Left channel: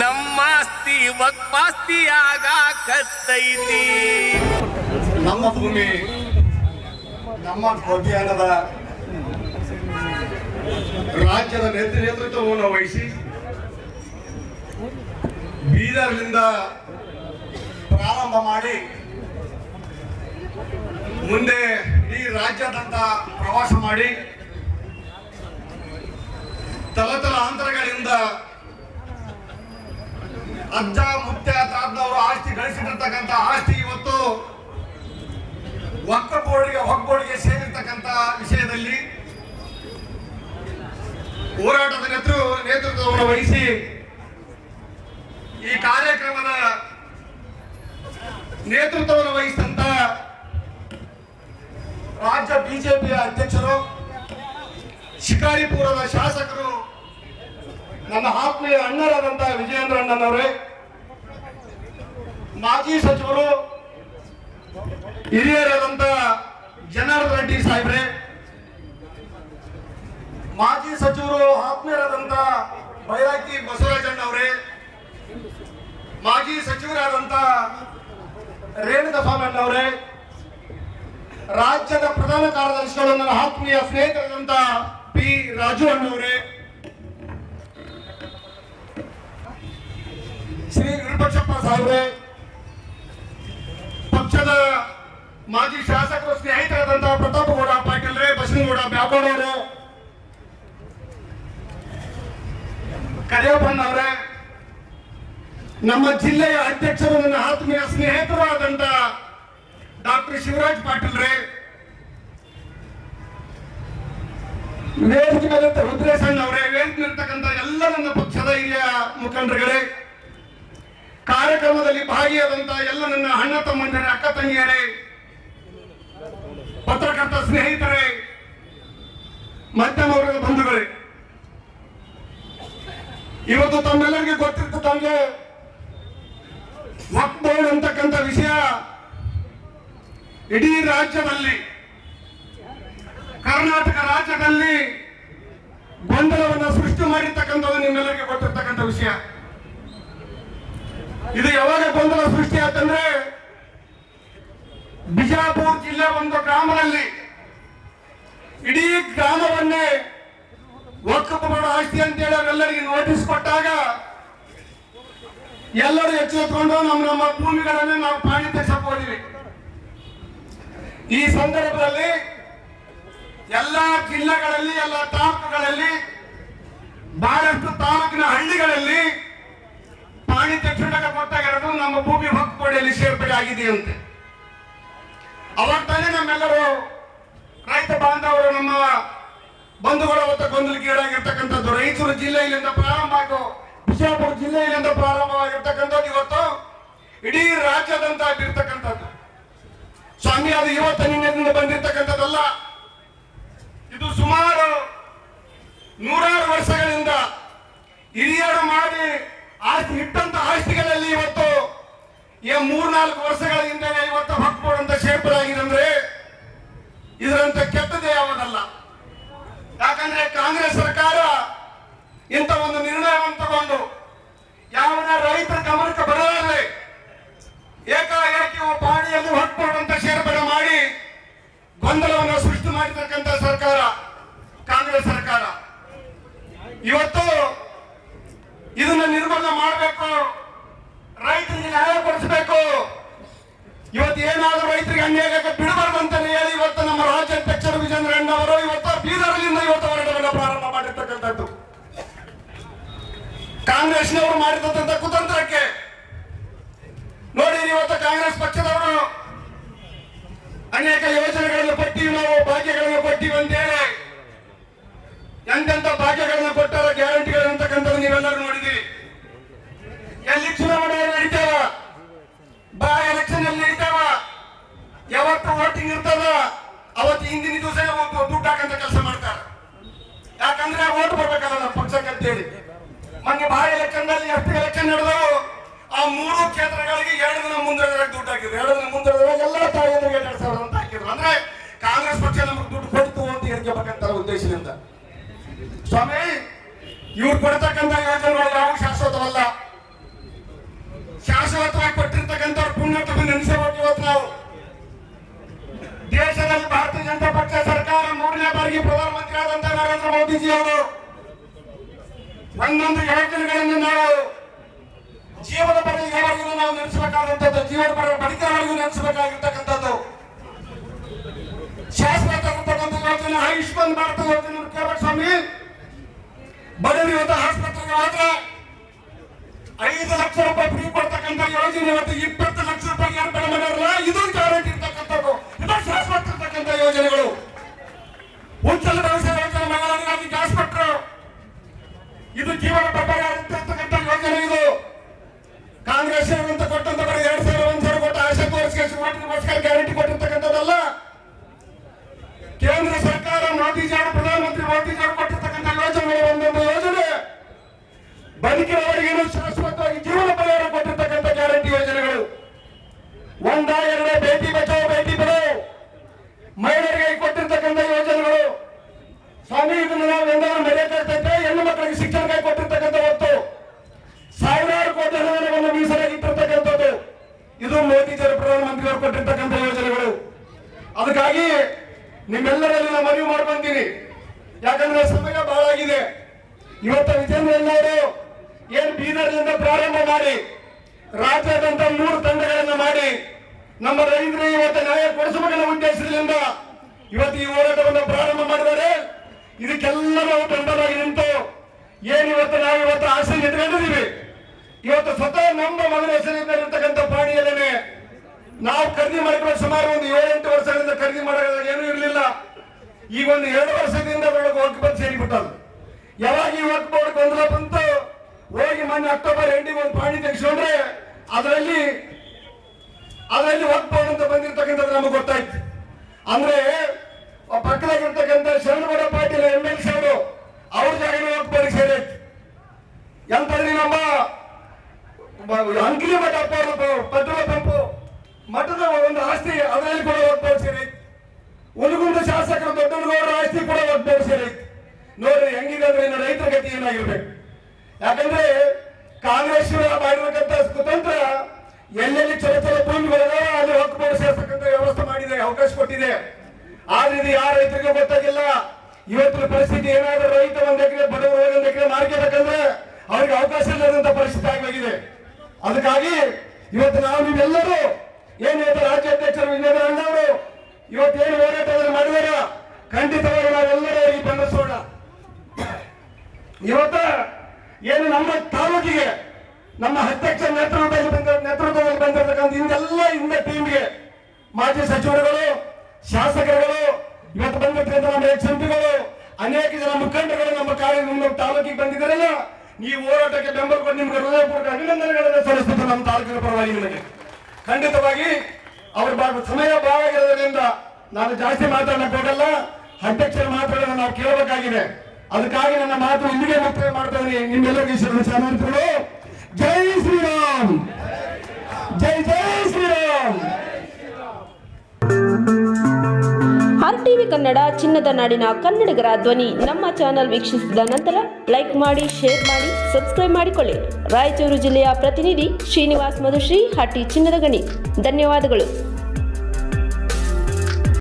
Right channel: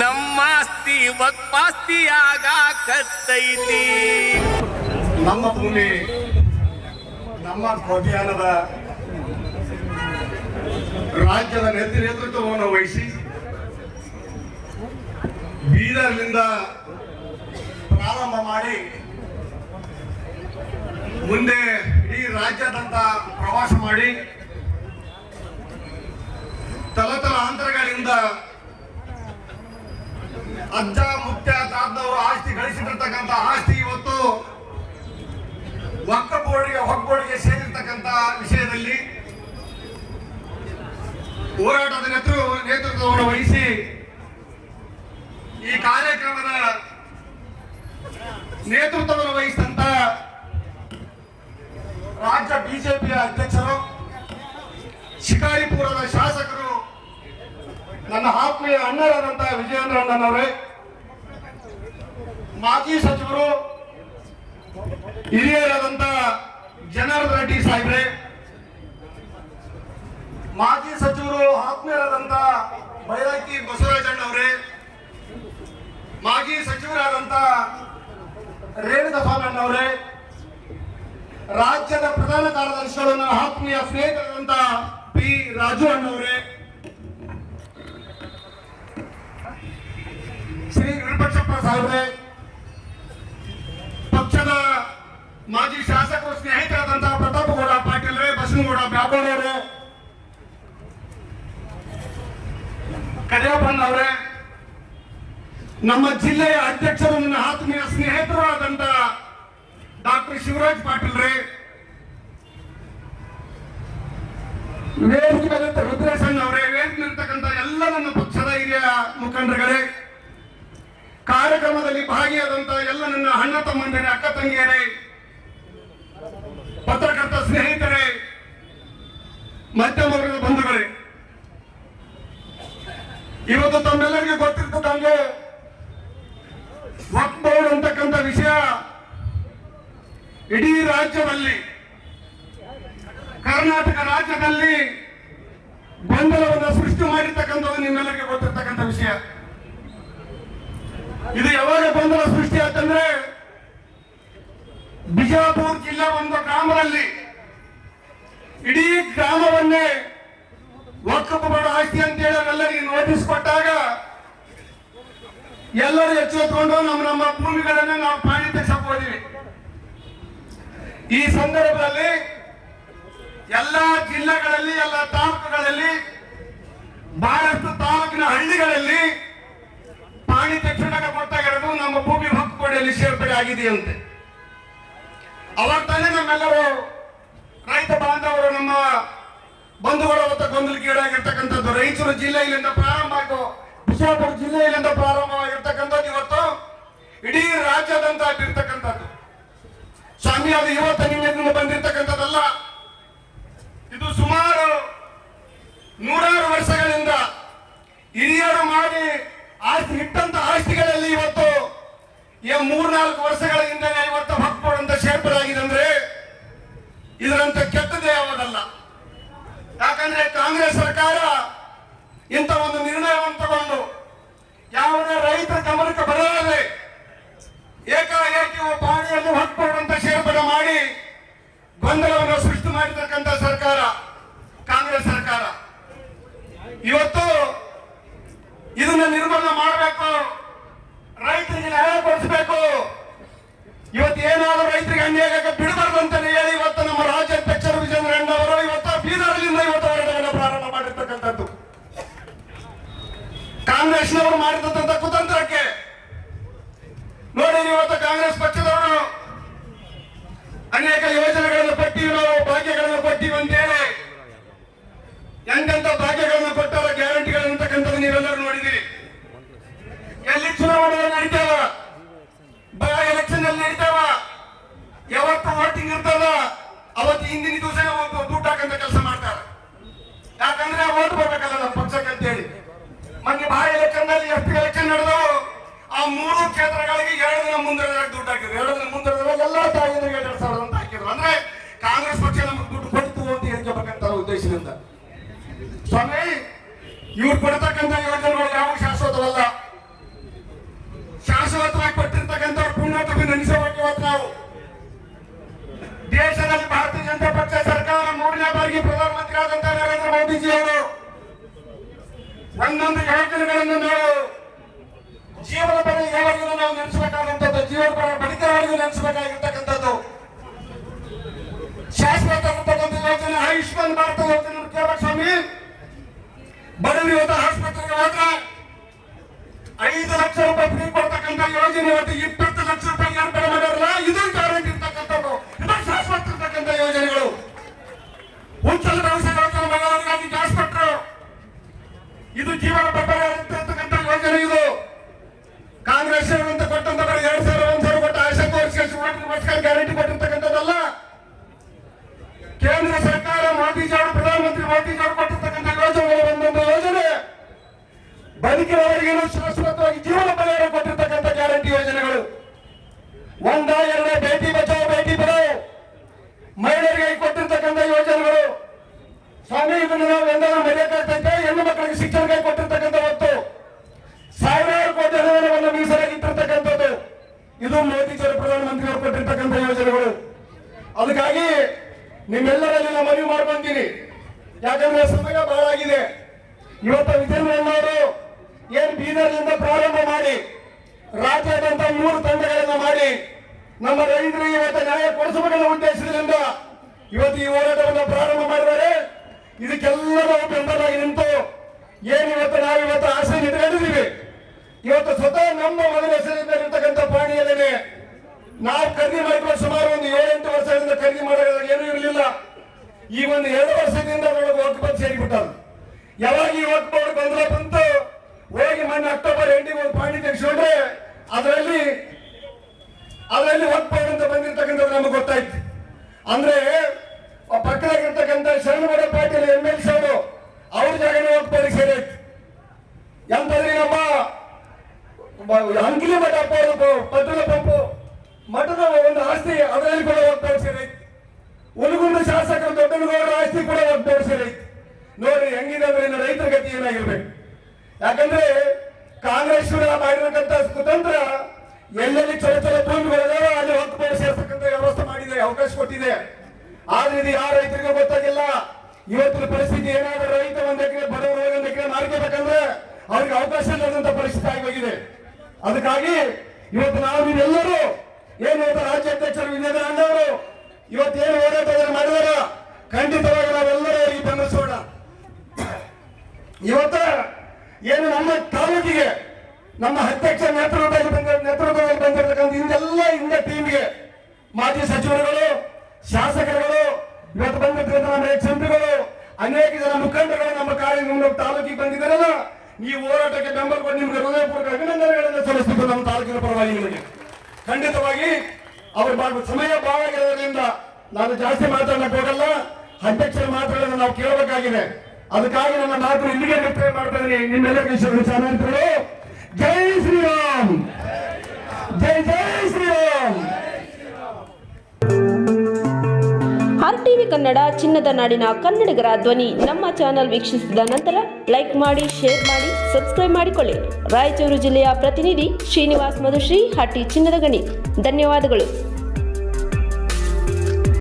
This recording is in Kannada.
ನಮ್ಮಾಸ್ತಿ ಆಗ ಕತ್ತೈತಿ. ನಮ್ಮ ಭೂಮಿ, ನಮ್ಮ ಅಭಿಯಾನದ ರಾಜ್ಯದ ನೇತೃ ನೇತೃತ್ವವನ್ನು ವಹಿಸಿ ಬೀದರ್ನಿಂದ ಪ್ರಾರಂಭ ಮಾಡಿ ಮುಂದೆ ಈ ರಾಜ್ಯದಂತ ಪ್ರವಾಸ ಮಾಡಿ ತಲತಲಾಂತರಗಳಿಂದ ಅಜ್ಜ ಮುತ್ಯ ತಾತನವರು ಆಸ್ತಿ ಗಳಿಸಿರ್ತಕ್ಕಂಥ ಆಸ್ತಿ ಇವತ್ತು ಒಕ್ಕ ಬೋರ್ಡ್ಗೆ ಹೊಗ್ಬೋರ್ಡ್ಗೆ ಸೇರಿರ್ತಕ್ಕಂಥ ವಿಷಯದಲ್ಲಿ ಹೋರಾಟದ ನೇತೃ, ನೇತೃತ್ವವನ್ನು ವಹಿಸಿ ಈ ಕಾರ್ಯಕ್ರಮದ ನೇತೃತ್ವವನ್ನು ವಹಿಸಿದಂತ ರಾಜ್ಯ ಬಿಜೆಪಿಯ ಅಧ್ಯಕ್ಷರು, ಶಿಕಾರಿಪುರದ ಶಾಸಕರು ನನ್ನ ಆತ್ಮೀಯ ಅಣ್ಣರಾದಂತಹ ವಿಜಯೇಂದ್ರ ಅಣ್ಣನವರೇ ಮಾಜಿ ಸಚಿವರು, ಹಿರಿಯರಾದಂತ ಜನಾರ್ದನ್ ರೆಡ್ಡಿ ಸಾಹೇಬ್ರೆ, ಮಾಜಿ ಸಚಿವರು, ಆತ್ಮೀಯರಾದಂತ ಬೈರಾಕಿ ಬಸವರಾಜಣ್ಣವರೇ, ಮಾಜಿ ಸಚಿವರಾದಂತ ರೇಣುಕ ಸ್ವಾಮಣ್ಣ ಅವರೇ ರಾಜ್ಯದ ಪ್ರಧಾನ ಕಾರ್ಯದರ್ಶಿಗಳು ನನ್ನ ಆತ್ಮೀಯ ಸ್ನೇಹಿತರಾದಂತ ಪಿ ರಾಜು ಅಣ್ಣವರೇ ಶ್ರೀ ವಿರೂಪಾಕ್ಷಪ್ಪ ಸಾಹೇಬ್ರೆ, ಪಕ್ಷದ ಮಾಜಿ ಶಾಸಕರು ಸ್ನೇಹಿತರಾದಂತಹ ಪ್ರತಾಪಗೌಡ ಪಾಟೀಲ್ರೇ ಬಸನಗೌಡ ಬ್ಯಾಕೋಡವ್ರೆ ಕರಿಯಪ್ಪಣ್ಣವರೇ ನಮ್ಮ ಜಿಲ್ಲೆಯ ಅಧ್ಯಕ್ಷರು, ನನ್ನ ಆತ್ಮೀಯ ಸ್ನೇಹಿತರು ಆದಂತ ಡಾಕ್ಟರ್ ಶಿವರಾಜ್ ಪಾಟೀಲ್ರೇ ವೇದಿಕೆ ಮೇಲೆ ರುದ್ರೇಶಣ್ಣ ಅವರೇ ವೇದಿಕೆ ಇರ್ತಕ್ಕಂಥ ಎಲ್ಲ ನನ್ನ ಪಕ್ಷದ ಹಿರಿಯ ಮುಖಂಡರುಗಳೇ ಕಾರ್ಯಕ್ರಮದಲ್ಲಿ ಭಾಗಿಯಾದಂತಹ ಎಲ್ಲ ನನ್ನ ಅಣ್ಣ ತಮ್ಮಂದಿರೇ ಅಕ್ಕ ತಂಗಿಯರೇ, ಪತ್ರಕರ್ತ ಸ್ನೇಹಿತರೇ, ಮಧ್ಯಮ ವರ್ಗದ ಬಂಧುಗಳೇ, ಇವತ್ತು ತಮ್ಮೆಲ್ಲರಿಗೆ ಗೊತ್ತಿರ್ತದಂಗೆ ಲಾಕ್ಡೌನ್ ಅಂತಕ್ಕಂಥ ವಿಷಯ ಇಡೀ ರಾಜ್ಯದಲ್ಲಿ, ಕರ್ನಾಟಕ ರಾಜ್ಯದಲ್ಲಿ ಗೊಂದಲವನ್ನು ಸೃಷ್ಟಿ ಮಾಡಿರ್ತಕ್ಕಂಥದ್ದು ನಿಮ್ಮೆಲ್ಲರಿಗೆ ಗೊತ್ತಿರ್ತಕ್ಕಂಥ ವಿಷಯ. ಇದು ಯಾವಾಗ ಗೊಂದಲ ಸೃಷ್ಟಿ ಆತಂದ್ರೆ ಬಿಜಾಪುರ್ ಜಿಲ್ಲೆ ಒಂದು ಗ್ರಾಮದಲ್ಲಿ ಇಡೀ ಗ್ರಾಮವನ್ನೇ ವಕ್ಕಪ್ಪ ಆಸ್ತಿ ಅಂತೇಳಿ ಅವರೆಲ್ಲರಿಗೆ ನೋಟಿಸ್ ಕೊಟ್ಟಾಗ ಎಲ್ಲರೂ ಎಚ್ಚೆತ್ಕೊಂಡು ನಮ್ಮ ನಮ್ಮ ಭೂಮಿಗಳನ್ನೇ ನಾವು ಪಾಣಿ ತೆಗೆಸಕ್ ಹೋದಿವಿ. ಈ ಸಂದರ್ಭದಲ್ಲಿ ಎಲ್ಲ ಜಿಲ್ಲೆಗಳಲ್ಲಿ, ಎಲ್ಲ ತಾಲೂಕುಗಳಲ್ಲಿ, ಬಹಳಷ್ಟು ತಾಲೂಕಿನ ಹಳ್ಳಿಗಳಲ್ಲಿ ಪಾಣಿ ತಕ್ಷಣಕ್ಕೆ ಗೊತ್ತಾಗಿರೋದು ನಮ್ಮ ಭೂಮಿ ಹಕ್ಕುಪಡಿಯಲ್ಲಿ ಸೇರ್ಪಡೆ ಆಗಿದೆಯಂತೆ ಅವಾಗ ತಾನೇ ನಮ್ಮೆಲ್ಲರೂ ರೈತ ಬಾಂಧವರು ನಮ್ಮ ಬಂಧುಗಳ ಹೊತ್ತ ಗೊಂದಲಕ್ಕೀಡಾಗಿರ್ತಕ್ಕಂಥದ್ದು ರಾಯಚೂರು ಜಿಲ್ಲೆಯಲ್ಲಿಂದ ಪ್ರಾರಂಭ ಆಯಿತು. ಬಿಜಾಪುರ ಜಿಲ್ಲೆಯಲ್ಲಿಂದ ಪ್ರಾರಂಭವಾಗಿರ್ತಕ್ಕಂಥದ್ದು ಇವತ್ತು ಇಡೀ ರಾಜ್ಯದಂತ ಆಗಿರ್ತಕ್ಕಂಥದ್ದು ಸ್ವಾಮಿ, ಅದು ಇವತ್ತು ಬಂದಿರ್ತಕ್ಕಂಥದ್ದಲ್ಲ ಇದು ಸುಮಾರು ನೂರಾರು ವರ್ಷಗಳಿಂದ ಹಿರಿಯರು ಮಾಡಿ ಆಸ್ತಿ ಇಟ್ಟಂತ ಆಸ್ತಿಗಳಲ್ಲಿ ಇವತ್ತು ಈ ಮೂರ್ನಾಲ್ಕು ವರ್ಷಗಳ ಹಿಂದೆ ಇವತ್ತು ಹಕ್ಕೋಡ್ ಅಂತ ಅಂದ್ರೆ ಇದರಂತ ಕೆಟ್ಟದೇ ಯಾವುದಲ್ಲ. ಯಾಕಂದ್ರೆ ಕಾಂಗ್ರೆಸ್ ಸರ್ಕಾರ ಇಂಥ ಒಂದು ನಿರ್ಣಯವನ್ನು ತಗೊಂಡು ಯಾವನ ರೈತರ ಗಮನಕ್ಕೆ ಬರಲಾರೆ ಏಕಾಏಕಿ ಪಾಣಿಯನ್ನು ಅಂತ ಸೇರ್ಪಡೆ ಮಾಡಿ ಗೊಂದಲವನ್ನು ಸೃಷ್ಟಿ ಮಾಡಿರ್ತಕ್ಕಂಥ ಸರ್ಕಾರ ಕಾಂಗ್ರೆಸ್ ಸರ್ಕಾರ. ಇವತ್ತು ಇದನ್ನ ನಿರ್ಮೂಲನೆ ಮಾಡಬೇಕು, ರೈತರಿಗೆ ನ್ಯಾಯ ಕೊಡಿಸಬೇಕು. ಇವತ್ತು ಏನಾದರೂ ರೈತರಿಗೆ ಅನ್ಯಾಯ ಆಗಕ್ಕೆ ಬಿಡಬಾರ್ದು ಅಂತ ಹೇಳಿ ಇವತ್ತು ನಮ್ಮ ರಾಜ್ಯಾಧ್ಯಕ್ಷರು ವಿಜೇಂದ್ರಣ್ಣ ಅವರು ಇವತ್ತು ಬೀದರ್ಲಿಂದ ಇವತ್ತು ಹೋರಾಟವನ್ನು ಪ್ರಾರಂಭ ಮಾಡಿರ್ತಕ್ಕಂಥದ್ದು. ಕಾಂಗ್ರೆಸ್ನವರು ಮಾಡಿರ್ತಕ್ಕಂಥ ಕುತಂತ್ರಕ್ಕೆ. ನೋಡಿ, ಇವತ್ತು ಕಾಂಗ್ರೆಸ್ ಪಕ್ಷದವರು ಅನೇಕ ಯೋಜನೆಗಳನ್ನು ಕೊಟ್ಟಿವಿ, ನಾವು ಭಾಗ್ಯಗಳನ್ನು ಕೊಟ್ಟಿವಿ ಅಂತೇಳಿ. ಎಂತೆಂತ ಭಾಗ್ಯಗಳನ್ನು ಕೊಟ್ಟಾರ ಗ್ಯಾರಂಟಿಗಳು ಅಂತಕ್ಕಂಥದ್ದು ನೀವೆಲ್ಲರೂ ನೋಡಿದಿರಿ ಇರ್ತದ ಅವತ್ತು ಹಿಂದಿನ ದಿವಸ ದುಡ್ಡು ಹಾಕಂತ ಕೆಲಸ ಮಾಡ್ತಾರೆ. ಯಾಕಂದ್ರೆ ಓಟ್ ಬರ್ಬೇಕಲ್ಲ ನಮ್ಮ ಪಕ್ಷಕ್ಕೆ ಅಂತೇಳಿ. ಮೊನ್ನೆ ಬಾ ಎಲೆಕ್ಷನ್ನಲ್ಲಿ ಎಷ್ಟು ಎಲೆಕ್ಷನ್ ನಡೆದವು ಆ ಮೂರು ಕ್ಷೇತ್ರಗಳಿಗೆ ಎರಡು ದಿನ ಮುಂದುವರೆದಾಗ ದುಡ್ಡು ಹಾಕಿದ್ರು. ಎರಡು ದಿನ ಮುಂದುವರೆದಾಗ ಎಲ್ಲ ತಾಯಿಯರಿಗೆ ಎರಡು ಸಾವಿರ ಅಂತ ಹಾಕಿದ್ರು. ಅಂದ್ರೆ ಕಾಂಗ್ರೆಸ್ ಪಕ್ಷ ನಮಗೆ ದುಡ್ಡು ಕೊಡ್ತು ಅಂತ ಹೇಳ್ಬೇಕಂತ ಉದ್ದೇಶದಿಂದ. ಸ್ವಾಮಿ, ಇವ್ರು ಕೊಡ್ತಕ್ಕಂಥ ಯೋಜನೆಗಳು ಜೀವನ ಪರ್ಯವರೆಗೂ ನಾವು ನೆನೆಸಬೇಕಾದಂಥದ್ದು ಜೀವನ ಪರ ಬದುಕವರೆಗೂ ನೆನೆಸಬೇಕಾಗಿರ್ತಕ್ಕಂಥದ್ದು. ಶಾಶ್ವತ ಯೋಜನೆ, ಆಯುಷ್ಮಾನ್ ಭಾರತ ಯೋಜನೆ ಸ್ವಾಮಿ. ಬಡವರು ಇವತ್ತು ಆಸ್ಪತ್ರೆಗೆ ಹೋದ್ರೆ ಐದು ಲಕ್ಷ ರೂಪಾಯಿ ಫ್ರೀ ಕೊಡ್ತಕ್ಕಂಥ ಯೋಜನೆ ಇವತ್ತು ಇಪ್ಪತ್ತು ಲಕ್ಷ ರೂಪಾಯಿ ಏರ್ಪಡೆ ಮಾಡಿರಲ್ಲ ಇದು ಗ್ಯಾರಂಟಿ ಇರ್ತಕ್ಕಂಥದ್ದು. ಇದು ಶಾಶ್ವತ ಇರ್ತಕ್ಕಂಥ ಯೋಜನೆಗಳು. ಉಚ್ಚಲ ಭವಿಷ್ಯ ಯೋಜನೆ ಗ್ಯಾಸ್ ಕೊಟ್ಟರು ಇದು ಜೀವನ ಪ್ರಭಾವ ಇರ್ತಕ್ಕಂಥ ಯೋಜನೆ ಇದು. ನಿಮ್ಮೆಲ್ಲರಲ್ಲಿ ನಾನು ಮನವಿ ಮಾಡ್ಕೊಂತೀನಿ. ಯಾಕಂದ್ರೆ ಸಮಯ ಬಹಳ ಆಗಿದೆ. ಇವತ್ತು ವಿಜೇಂದ್ರಣ್ಣವರು ಏನ್ ಬೀದರ್ನಿಂದ ಪ್ರಾರಂಭ ಮಾಡಿ, ರಾಜ್ಯಾದ್ಯಂತ ಮೂರು ತಂಡಗಳನ್ನ ಮಾಡಿ, ನಮ್ಮ ರೈತರು ಇವತ್ತು ನ್ಯಾಯ ಕೊಡಿಸಬೇಕನ್ನೋ ಉದ್ದೇಶದಿಂದ ಇವತ್ತು ಈ ಹೋರಾಟವನ್ನು ಪ್ರಾರಂಭ ಮಾಡಿದರೆ ಇದಕ್ಕೆಲ್ಲ ನಾವು ಬೆಂಬಲವಾಗಿ ನಿಂತು, ಏನ್ ಇವತ್ತು ನಾವು ಇವತ್ತು ಆಸೆ ಇಟ್ಕೊಂಡಿದ್ದೀವಿ ಇವತ್ತು ಸ್ವತಃ ನಮ್ಮ ಮಗನ ಹೆಸರಿನಿಂದ ಇರ್ತಕ್ಕಂಥ ಪಾಣಿಯಲ್ಲೇನೆ ನಾವು ಖರೀದಿ ಮಾಡಿಕೊಂಡು ಸುಮಾರು ಒಂದು ಏಳೆಂಟು ವರ್ಷಗಳಿಂದ ಖರೀದಿ ಮಾಡೋದ್ರಲ್ಲಿ ಏನೂ ಇರಲಿಲ್ಲ ಈ ಒಂದು ಎರಡು ವರ್ಷದಿಂದ ಅದರೊಳಗೆ ವರ್ಕ್ ಬೋರ್ಡ್ ಸೇರಿಬಿಟ್ಟದು ಯಾವಾಗ ಈ ವರ್ಕ್ ಬೋರ್ಡ್ ಗೊಂದಲ ಬಂತು ಹೋಗಿ ಮೊನ್ನೆ ಅಕ್ಟೋಬರ್ ಎಂಡಿಗೆ ಒಂದು ಪಾಯಿಂಟ್ ತೆಗೆಸ್ಕೊಂಡ್ರೆ ಅದರಲ್ಲಿ ಅದರಲ್ಲಿ ವರ್ಕ್ ಪಾಯಿಂಟ್ ಅಂತ ಬಂದಿರತಕ್ಕಂಥದ್ದು ನಮಗೆ ಗೊತ್ತಾಯ್ತು. ಅಂದ್ರೆ ಪಕ್ಕದಾಗಿರ್ತಕ್ಕಂಥ Sharanagouda Patil M L C ಅವರು, ಅವ್ರ ಜಾಗನೂ ವರ್ಕ್ ಪಾಯಿಂಟ್ ಸೇರೈತಿ ಎಂತಂದ್ರೆ ನಮ್ಮ ಅಂಕಿಲಿ ಮಠ ಪೆಟ್ರೋಲ್ ಪಂಪು, ಮಠದ ಒಂದು ಆಸ್ತಿ ಅದರಲ್ಲಿ ಕೂಡ ಒಗ್ಗಟ್ಟು ಸೇರೈತಿ ಉಲ್ಗುಂಡ ಶಾಸಕರು ದೊಡ್ಡನಗೌಡರ ಆಸ್ತಿ ಕೂಡ ಒಗ್ಗಟ್ಟು ಸೇರೈತಿ ನೋಡ್ರಿ, ಹೆಂಗಿದೆ ಅಂದ್ರೆ ರೈತರ ಗತಿ ಏನಾಗಿರ್ಬೇಕು? ಯಾಕಂದ್ರೆ ಕಾಂಗ್ರೆಸ್ ಮಾಡಿರ್ತಕ್ಕಂಥ ಕುತಂತ್ರ ಎಲ್ಲೆಲ್ಲಿ ಚಲೋ ಚಲೋ ಭೂಮಿಗಳಿದೆ ಅಲ್ಲಿ ಹಕ್ಕು ಸೇರ್ತಕ್ಕಂಥ ವ್ಯವಸ್ಥೆ ಮಾಡಿದೆ ಅವಕಾಶ ಕೊಟ್ಟಿದೆ. ಆದ್ರೆ ಇದು ಯಾರ ರೈತರಿಗೆ ಗೊತ್ತಾಗಿಲ್ಲ. ಇವತ್ತಿನ ಪರಿಸ್ಥಿತಿ ಏನಾದ್ರೂ ರೈತ ಒಂದ್ ಎಕರೆ, ಬಡವರು ಒಂದ್ ಎಕರೆ ಮಾರ್ಕೆಬೇಕಂದ್ರೆ ಅವ್ರಿಗೆ ಅವಕಾಶ ಇಲ್ಲದಂತ ಪರಿಸ್ಥಿತಿ ಆಗೋಗಿದೆ ಅದಕ್ಕಾಗಿ ಇವತ್ತು ನಾವು ನೀವೆಲ್ಲರೂ ಏನ್ ಇವತ್ತು ರಾಜ್ಯಾಧ್ಯಕ್ಷರು ವಿಜಯೇಂದ್ರ ಅಣ್ಣವರು, ಇವತ್ತೇನು ಹೋರಾಟ ಮಾಡಿದಾರ? ಖಂಡಿತವಾಗಿ ನಾವೆಲ್ಲರೂ ಅವರಿಗೆ ಬೆಂಬಲಿಸೋಣ. ಇವತ್ತ ಏನು ನಮ್ಮ ತಾಲೂಕಿಗೆ, ನಮ್ಮ ಅಧ್ಯಕ್ಷ ನೇತೃತ್ವದಲ್ಲಿ ಬಂದ ನೇತೃತ್ವದಲ್ಲಿ ಬಂದಿರತಕ್ಕಂಥ ಹಿಂದೆಲ್ಲ ಹಿಂದೆ ಟೀಮ್ಗೆ ಮಾಜಿ ಸಚಿವರುಗಳು, ಶಾಸಕರುಗಳು, ಇವತ್ತು ಬಂದಿರ್ತಕ್ಕಂಥ ನಮ್ಮ ಎಕ್ಸ್ ಎಂಪಿಗಳು ಅನೇಕ ಜನ ಮುಖಂಡಗಳು ನಮ್ಮ ಕಾರ್ಯ ನಿಮ್ಮ ತಾಲೂಕಿಗೆ ಬಂದಿದ್ದಾರಲ್ಲ, ಈ ಹೋರಾಟಕ್ಕೆ ಬೆಂಬಲ ಕೊಟ್ಟು ನಿಮ್ಗೆ ಹೃದಯಪೂರ್ವಕ ಅಭಿನಂದನೆಗಳನ್ನು ಸಲ್ಲಿಸ್ತಿದ್ದು ನಮ್ಮ ತಾಲೂಕಿನ ಪರವಾಗಿ ನಿಮಗೆ. ಖಂಡಿತವಾಗಿ ಅವ್ರ ಭಾಗ ಸಮಯ ಭಾಳ ಇರೋದ್ರಿಂದ ನಾನು ಜಾಸ್ತಿ ಮಾತಾಡಕ್ಕೆ ಹೋಗಲ್ಲ. ಅಧ್ಯಕ್ಷರ ಮಾತುಗಳನ್ನು ನಾವು ಕೇಳಬೇಕಾಗಿದೆ. ಅದಕ್ಕಾಗಿ ನನ್ನ ಮಾತು ಇಲ್ಲಿಗೆ ಮುಕ್ತಾಯ ಮಾಡ್ತಾ ಇದ್ದೀನಿ. ನಿಮ್ಮೆಲ್ಲರಿಗೂ ಚಾನಲ್ಗಳು ಜೈ ಶ್ರೀರಾಮ್. ಜೈ ಜೈ ಶ್ರೀರಾಮ್. ಆರ್ ಟಿವಿ ಕನ್ನಡ ಚಿನ್ನದ ನಾಡಿನ ಕನ್ನಡಿಗರ ಧ್ವನಿ ನಮ್ಮ ಚಾನೆಲ್ ವೀಕ್ಷಿಸಿದ ನಂತರ ಲೈಕ್ ಮಾಡಿ, ಶೇರ್ ಮಾಡಿ, ಸಬ್ಸ್ಕ್ರೈಬ್ ಮಾಡಿಕೊಳ್ಳಿ. ರಾಯಚೂರು ಜಿಲ್ಲೆಯ ಪ್ರತಿನಿಧಿ ಶ್ರೀನಿವಾಸ್ ಮಧುಶ್ರೀ, ಹಟ್ಟಿ ಚಿನ್ನದ ಗಣಿ. ಧನ್ಯವಾದಗಳು.